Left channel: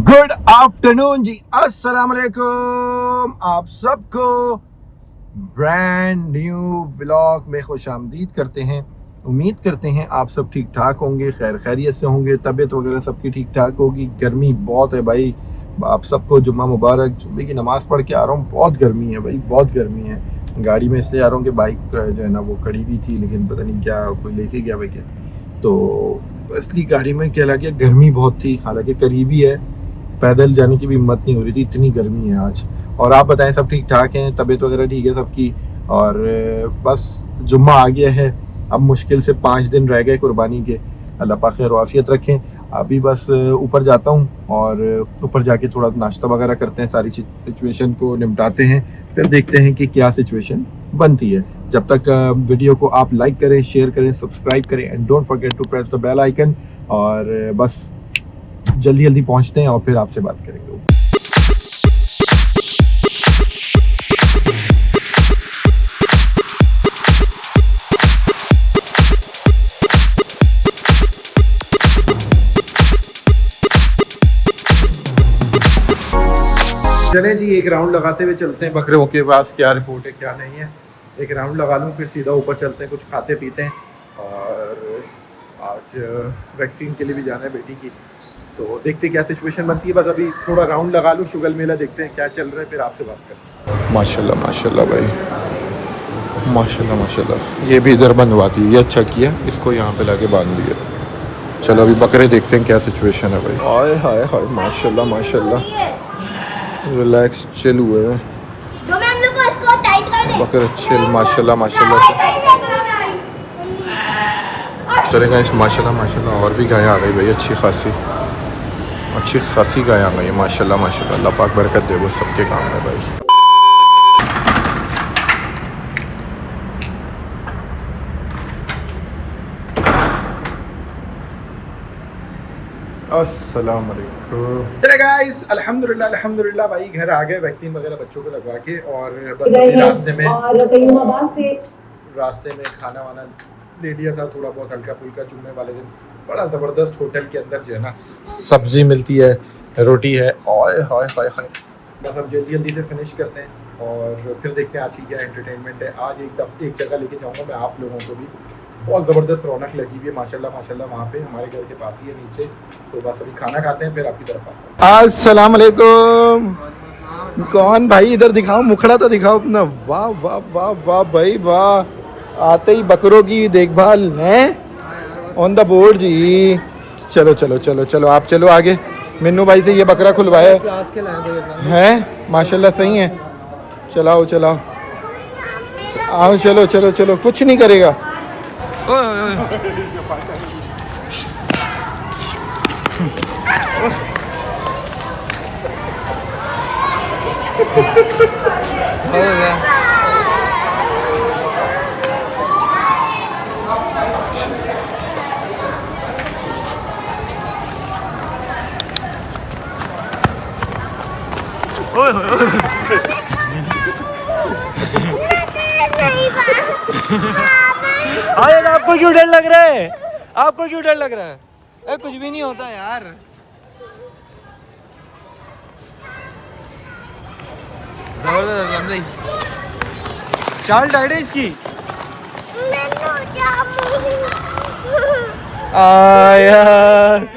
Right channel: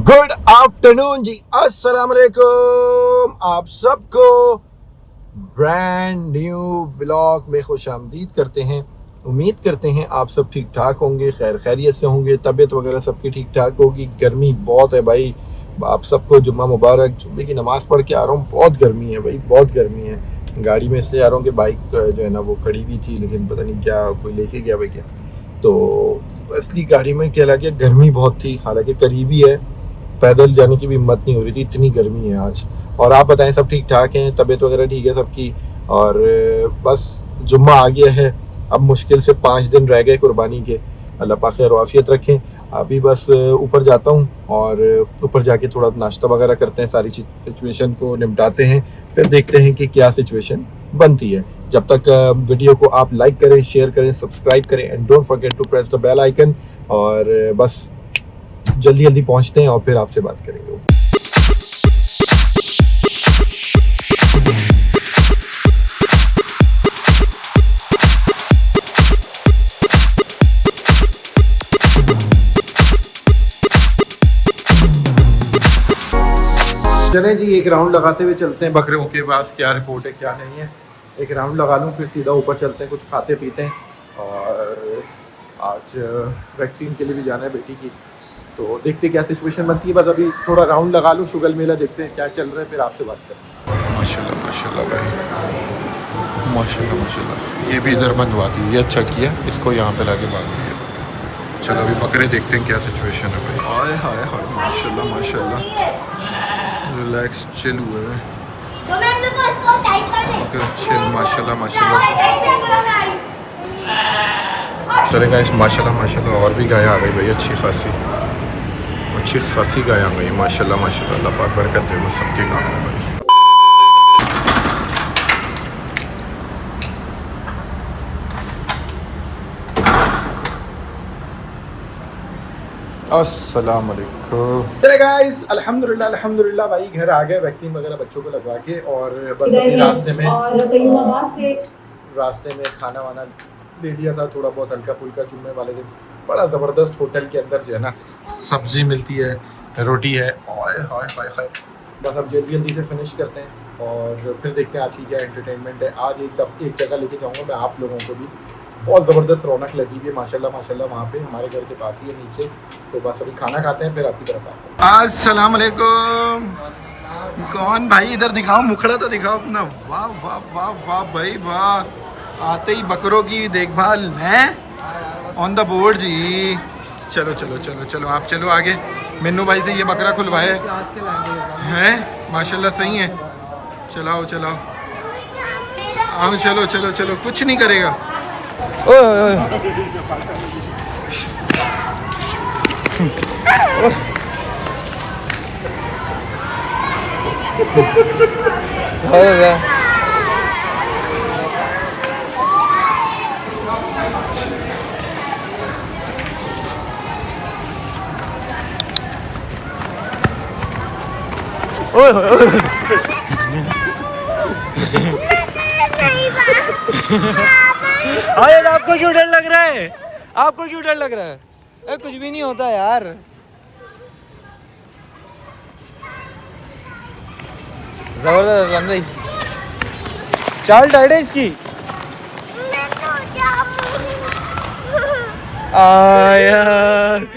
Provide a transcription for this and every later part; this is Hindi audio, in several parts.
गुड आफ्टरनून जी, अस्सलाम वालेकुम। आप सबको ब्रांड न्यू व्लॉग में खुश आमदीद करते हैं। उम्मीद करते हैं आप सब ठीक ठाक होंगे, खैर खैरियत से होंगे, तबीयत वगैरह सबकी ठीक ठाक होगी। गर्मी बहुत है भाई, आप सबको जुम्मा मुबारक। जुम्मे की नमाज़ पढ़ के आ रहा हूँ, बहुत गर्मी है भाई, बहुत गर्मी है। गाड़ी में इसलिए आ रहा हूँ कि बाइक जो है ना वो खड़ी हुई थी, लेकिन पता नहीं क्या कोई लेके गया भाई क्या, तो इसलिए गाड़ी में क्या लगा, गर्मी बहुत थी। हालांकि करीबी है, पैदल जाने की भी हिम्मत नहीं हो रही थी, इतनी गर्मी है आज। और आप बताएं सब ठीक ठाक हैं, तबीयत वगैरह ठीक है सबकी। और बस जुम्मा आ गया है, अब मुश्किल से 5 दिन रह गए कुर्बानी के। अल्लाह पाक खैर आफियत रखें। अभी बस ऊपर जाता हूँ और ऊपर जाके थोड़ा नाश्ता वगैरह करते हैं, सारी सिचुएशन को निपटाते हैं, फिर देखते हैं कि क्या सिचुएशन बनती है। जब तक वीडियो को आप लाइक करें, शेयर करें, सब्सक्राइब करें and don't forget to press the bell icon. और बस जल्दी जल्दी पहुंचते हैं और फिर आपसे बात करेंगे। चलें जी, एक राउंड लगाते हुए चलते हैं बकरों के पास, क्या रिपोर्ट है क्या नहीं है। एक राउंड लगा लूँ, फिर सीधा ऊपर चलते हैं, कुछ खाते पीते हैं। और आज वैक्सीन के लिए भी जाना है बेटी की, तो देखते क्या सिचुएशन बनती है। बस अभी थोड़ा राउंड लगा लूँ, शुगर मेला देखते हैं क्या चल रहा है, फिर आपसे बात करते हैं। माशाल्लाह माशाल्लाह भाई, माशाल्लाह माशाल्लाह। ये भी इधर बनवा दी, ये अच्छा किया, इसको यहाँ पे लाके बांध दिया। चलो अभी बकरे देखते हैं क्या सिचुएशन है भाई। हाय हाय हाय, माशाल्लाह माशाल्लाह, रिलैक्स चिल हुए हैं बकरे, चिल माशाल्लाह माशाल्लाह से। चलेगा इस माशाल्लाह माशाल्लाह। और भी गाय आ गई भाई, अच्छी खासी गाय आ गई माशाल्लाह माशाल्लाह। अल्लाह पाक बरकत दे, वो सबके काम है भाई। अस्सलाम वालेकुम। चले गाइस, अल्हम्दुलिल्लाह भाई घर आ गए, वैक्सीन वगैरह बच्चों को लगवा के। और बस अभी रास्ते में खाना वाना ले लिया था, थोड़ा बहुत हल्का फुल्का। जुम्मे वाले दिन बड़ा ज़बरदस्त होटल के अंदर जो है ना सब्जी मिलती है, रोटी है, और हाय हाय हाय। बस अब जल्दी जल्दी से फिनिश करते हैं और फिर देखते हैं आज की क्या एंटरटेनमेंट है। आज एक जगह लेके जाऊँगा मैं आप लोगों को भी, बहुत ज़बरदस्त रौनक लगी हुई है माशाल्लाह माशाल्लाह वहाँ पे, हमारे घर के पास ही है नीचे। तो बस अभी खाना खाते हैं, फिर आपकी तरफ आते हैं। अस्सलाम वालेकुम। कौन भाई, इधर दिखाओ, मुखड़ा तो दिखाओ अपना। वाह वाह वाह वाह भाई वाह, आते ही बकरों की देखभाल है ऑन द बोर्ड जी। चलो चलो चलो चलो, आप चलो आगे। मिन्नू भाई से ये बकरा खुलवाया है, माशाल्लाह सही है। चलाओ चलाओ, आओ चलो चलो चलो, कुछ नहीं करेगा। ओए आयत, आपको क्यों डर लग रहा है? आपको क्यों डर लग रहा है? कुछ भी नहीं होता यार। जबरदस्त समझी, चाल टाइट है इसकी। आयत,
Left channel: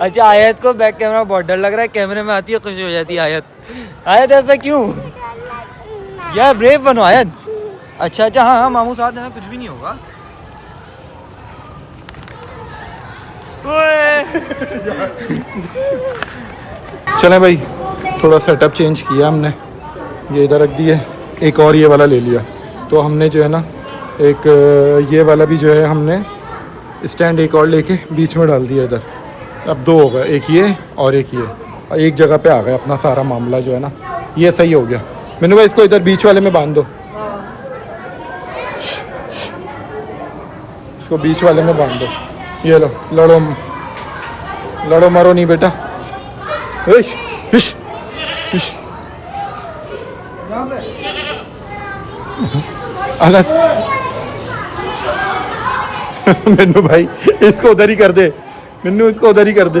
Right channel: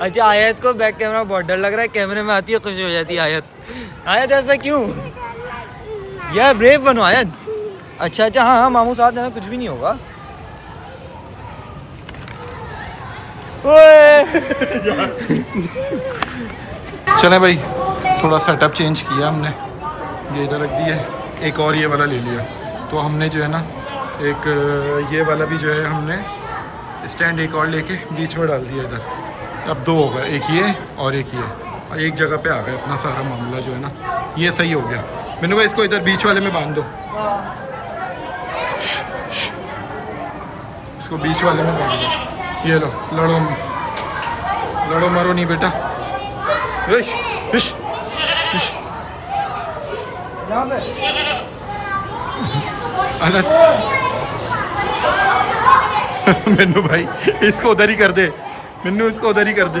अच्छा आयत को बैक कैमरा बहुत डर लग रहा है, कैमरे में आती है खुशी हो जाती है आयत। आयत ऐसा क्यों यार, ब्रेव बनो आयत। अच्छा अच्छा, हाँ हाँ मामू साथ है, कुछ भी नहीं होगा। चलें भाई, थोड़ा सेटअप चेंज किया हमने, ये इधर रख दिया, एक और ये वाला ले लिया। तो हमने जो है ना एक ये वाला भी जो है हमने स्टैंड एक और लेके बीच में डाल दिया इधर। अब 2 हो गए, एक ये और एक ये, और एक जगह पे आ गया अपना सारा मामला जो है ना, ये सही हो गया। मैंने भाई इसको इधर बीच वाले में बांध दो, इसको बीच वाले में बांध दो। ये लो, लड़ो लड़ो मरो नहीं बेटा। अलस मिन्नू भाई इसको उधर ही कर दे, मिन्नू इसको उधर ही कर दे।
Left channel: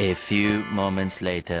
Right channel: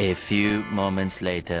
A few moments later.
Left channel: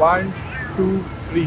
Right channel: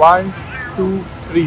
1 2 3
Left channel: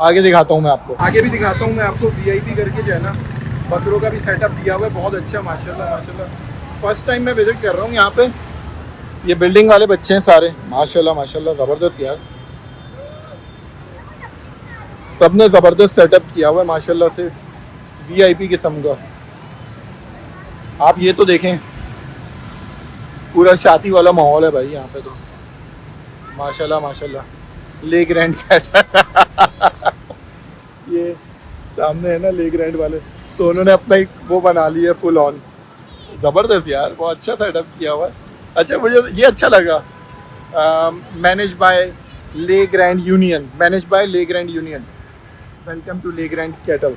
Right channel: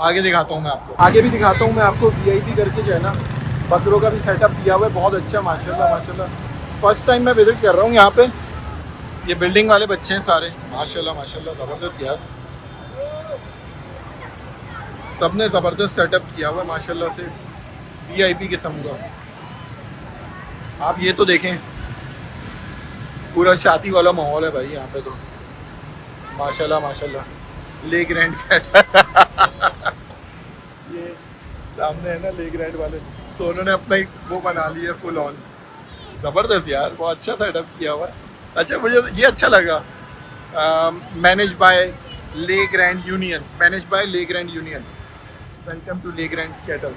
आगे दिखाता हूँ मैं आपको, आगे भी दिखाता हूँ मैं आपको। VIP करके जो है ना बकरों का भी सेटअप किया हुआ है, बहुत अच्छा माशाल्लाह माशाल्लाह। फर्स्ट टाइम मैं विजिट कर रहा हूँ यहाँ पे। ये बिल्डिंग वाले बच्चे हैं सारे, माशाल्लाह माशाल्लाह, ज़बरदस्त यार, सबने ज़बरदस्त सेटअप किया हुआ है माशाल्लाह से, VIP किस्म का। आप ये तो देखें, पूरा शादी वाला माहौल है भाई यहाँ पे तो, माशाल्लाह माशाल्लाह। ले ग्रैंड कैट ये सामने है ना ले ग्रैंड वाले, तो उन्होंने अपना एक वो बना लिया फुल ऑन, ज़बरदस्त यार, बहुत अच्छा सेटअप किया हुआ है। अच्छा मुझे ये अच्छा लगा, मैनेज बाय ले ग्रैंड यूनियन, मैनेज बाय ले ग्रैंड यूनियन, वेलकम टू ले ग्रैंड कैटल।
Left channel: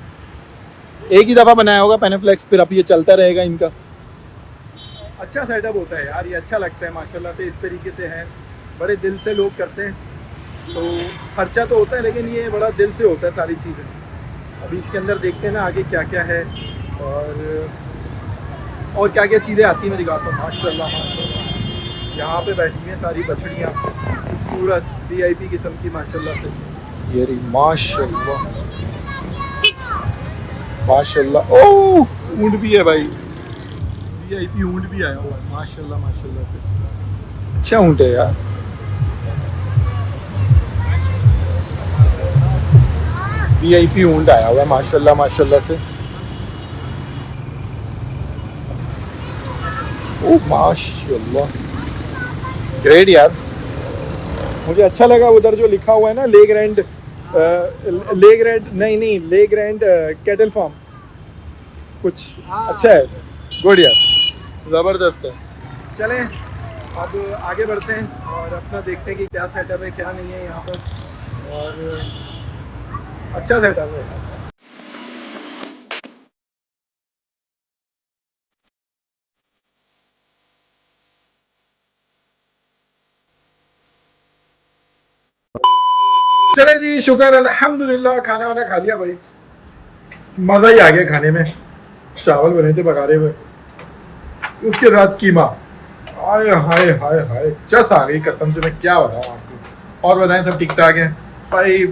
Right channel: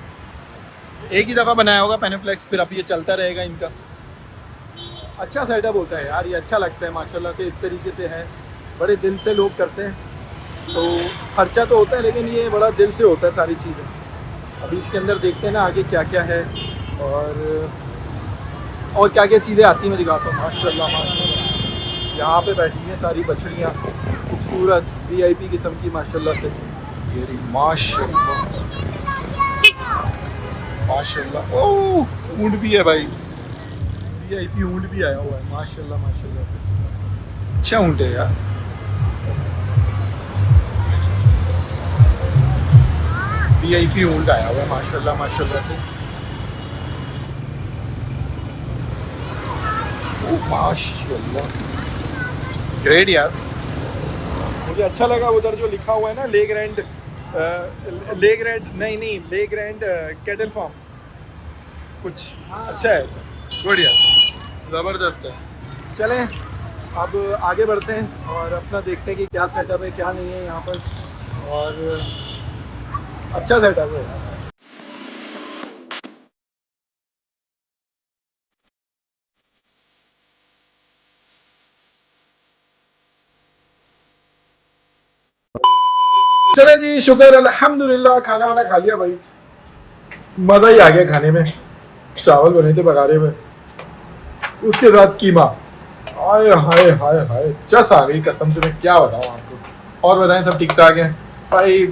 एक ही दफ़ा बनाया होगा पेनेफ्लेक्स, फिर अब ये चलता रहेगा इनका। अच्छा सेटअप होता है यार, ये अच्छा लगता है माशाल्लाह से, इस तरीके से है, बड़े दिल से लोग करते हैं। तो खर्चा तो होता है लेकिन ये बड़ा दिल से होता है सारी चीज़ें। अभी इसके अंदर देखते हैं ना आगे क्या क्या है और क्या क्या चीज़ें आती हैं, मैं दिखाता हूँ। माशाल्लाह माशाल्लाह, यहाँ पे बैठी हैं सारी बछड़ियाँ, खूबसूरत VIP किस्म की माशाल्लाह से। ये रही माशाल्लाह माशाल्लाह। ओह ऊँट भी है भाई, VIP ऊँट भी आया हुआ है माशाल्लाह माशाल्लाह से, अच्छा ऊँट है यार। VIP ऊँट आया हुआ है माशाल्लाह माशाल्लाह से। ओह माशाल्लाह, ग्रेट यार, मुझे अच्छा लगा। उधर जो लिखा हुआ है ना ले ग्रैंड नहीं ले ग्रैंड कैटल फार्म, कुछ अच्छा है, गुड यार, ज़बरदस्त है। चलें अब आगे बढ़ते हैं और अपना देखते हैं कि क्या सेटअप है क्या नहीं है यहाँ पर, और अच्छा सेटअप है यार। चले जी, शुक्र अल्हम्दुलिल्लाह, खाना वाना खा लिया भाई, मज़ा ही आ गया खाने में। चावल बने थे बघारे हुए, उसके साथ कीमा, हाय हाय हाय हाय, चस आ गई कसम से, मैं क्या बताऊँ आपको। और बताएं सब ठीक ठाक हैं भाई।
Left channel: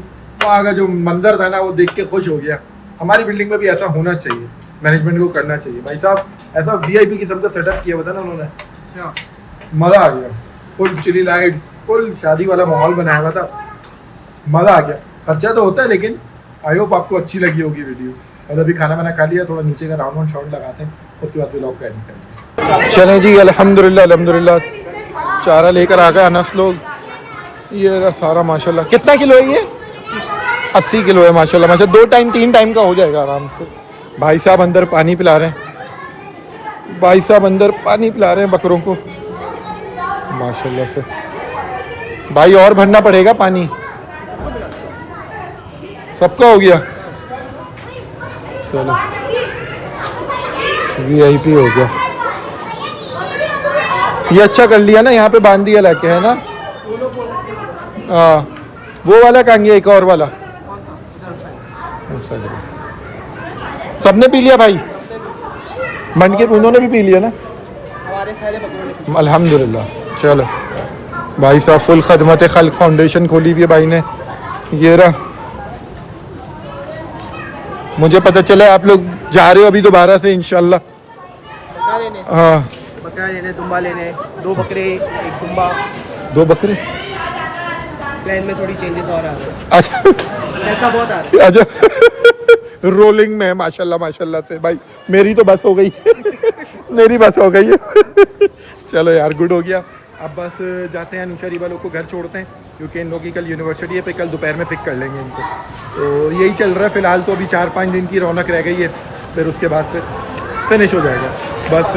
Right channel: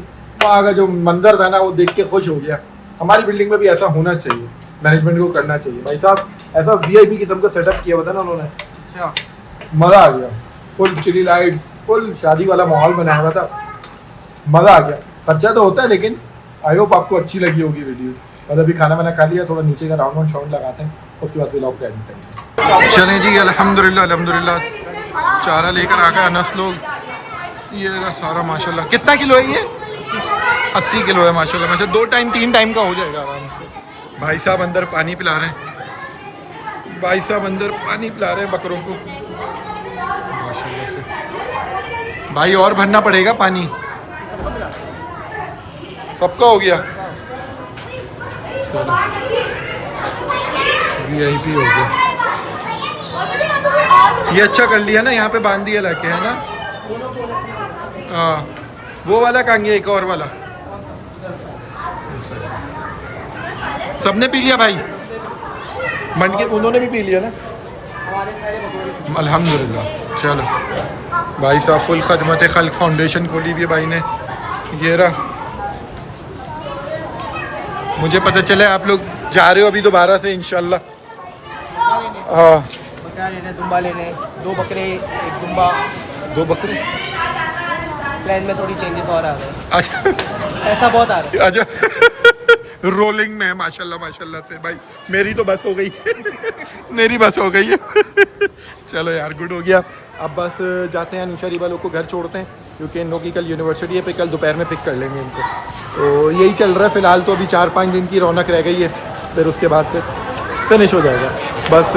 वहाँ का जो मंजर था ना वो देख के खुश हो गया। हमारी बिल्डिंग में भी ऐसा होना चाहिए, मैनेजमेंट को करना चाहिए भाई साहब, ऐसा VIP किस्म का सेटअप किया हुआ था ना उन्होंने, अच्छा मज़ा आ गया। फुल चिली लाइट, फुल शादी वाला माहौल बनाया हुआ था, मज़ा आ गया। खर्चा तो होता है लेकिन आई होप आपको अच्छी लगी होगी वीडियो। और अभी खाना वाना खा लिया, थोड़ा नीचे का राउंड शाउंड लगाते हैं, उसके बाद व्लॉग का एडिट करेंगे। चलें जी, अल्हम्दुलिल्लाह अल्हम्दुलिल्लाह, चारा लेकर आ गए अनस लोग। ये रहा सारा माशाल्लाह। कितना किलो है ये? 80 किलो है माशाल्लाह माशाल्लाह, 2 टाइम 3 टाइम का हो जाएगा आराम से। भाई साहब अंदर पानी पिला रहे हैं, भाई साहब अंदर पानी पिला रहे हैं बकरों को माशाल्लाह से। भाई और भरना पड़ेगा पानी, सबका हो गया। चलो VIP हो गया, ये अच्छा कर लिया ना, यहाँ पे बांध दिया लाके, है ना। हाँ वो वाला कहाँ गया, एक और वाला सबने पी लिया भाई, बन के उन्होंने भी पी लिया ना, अल्हम्दुलिल्लाह। चलो भाई साहब फुल खदमत खल्क फाउंडेशन खोली हुई है भाई ने, ये रहा। मुझे पता चला आप लोग जा रहे हो अभी दोबारा से इंशाल्लाह। बकरा लेने, हाँ बकरा लेने, दुम्बा लेने, 2 बकरे 1 दुम्बा। 2 बकरे, प्लान में थोड़ी चेंजेस और आ रहे हैं, अच्छा ऐसा बहुत आ रहा है। अच्छा रोलिंग में है माशाल्लाह माशाल्लाह से भाई, मेरी तो बस हो गई मेरी बस हो गई चलो यार गुड हो गया। अब बस जाते हैं अनुशरी वालों को घर छोड़ते हैं, क्योंकि इन लोगों की कल यूनिवर्सिटी है, पे कल दोपहर में पिक कर लेंगे इनको। तो यही चल रहा है फ़िलहाल, तो अभी 4-5 दिन की रौनक रह गई है, फिर उसके बाद फिनिश हो जाएगा बस।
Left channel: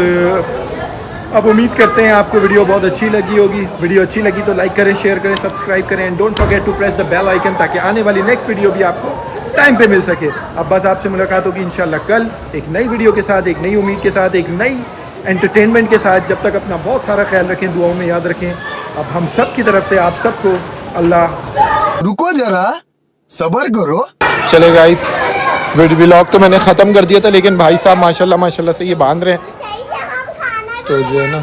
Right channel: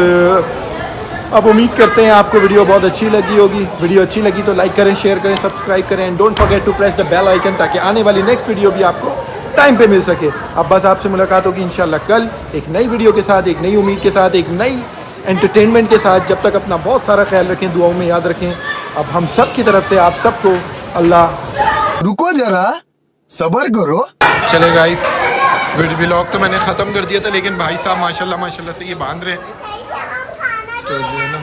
अब उम्मीद करते हैं आपको वीडियो बहुत अच्छी लगी होगी। वीडियो अच्छी लगी तो लाइक करें, शेयर करें, सब्सक्राइब करें, and don't forget to press the bell icon, ताकि आने वाली नेक्स्ट वीडियो भी आपको टाइम पे मिल सके। अब बस आपसे मुलाकात होगी इंशाल्लाह कल एक नई वीडियो के साथ, एक नई उम्मीद के साथ, एक नई एंटरटेनमेंट के साथ। जब तक अपना बहुत सारा ख्याल रखें, दुआओं में याद रखें। अब हम सब की तरफ से आप सबको अल्लाह। रुको जरा सब्र करो। चले गाइस, व्लॉग तो मैंने ख़त्म कर दिया था, लेकिन भाई साहब माशाल्लाह माशाल्लाह से ये बांध रहे हैं, तो जो है ना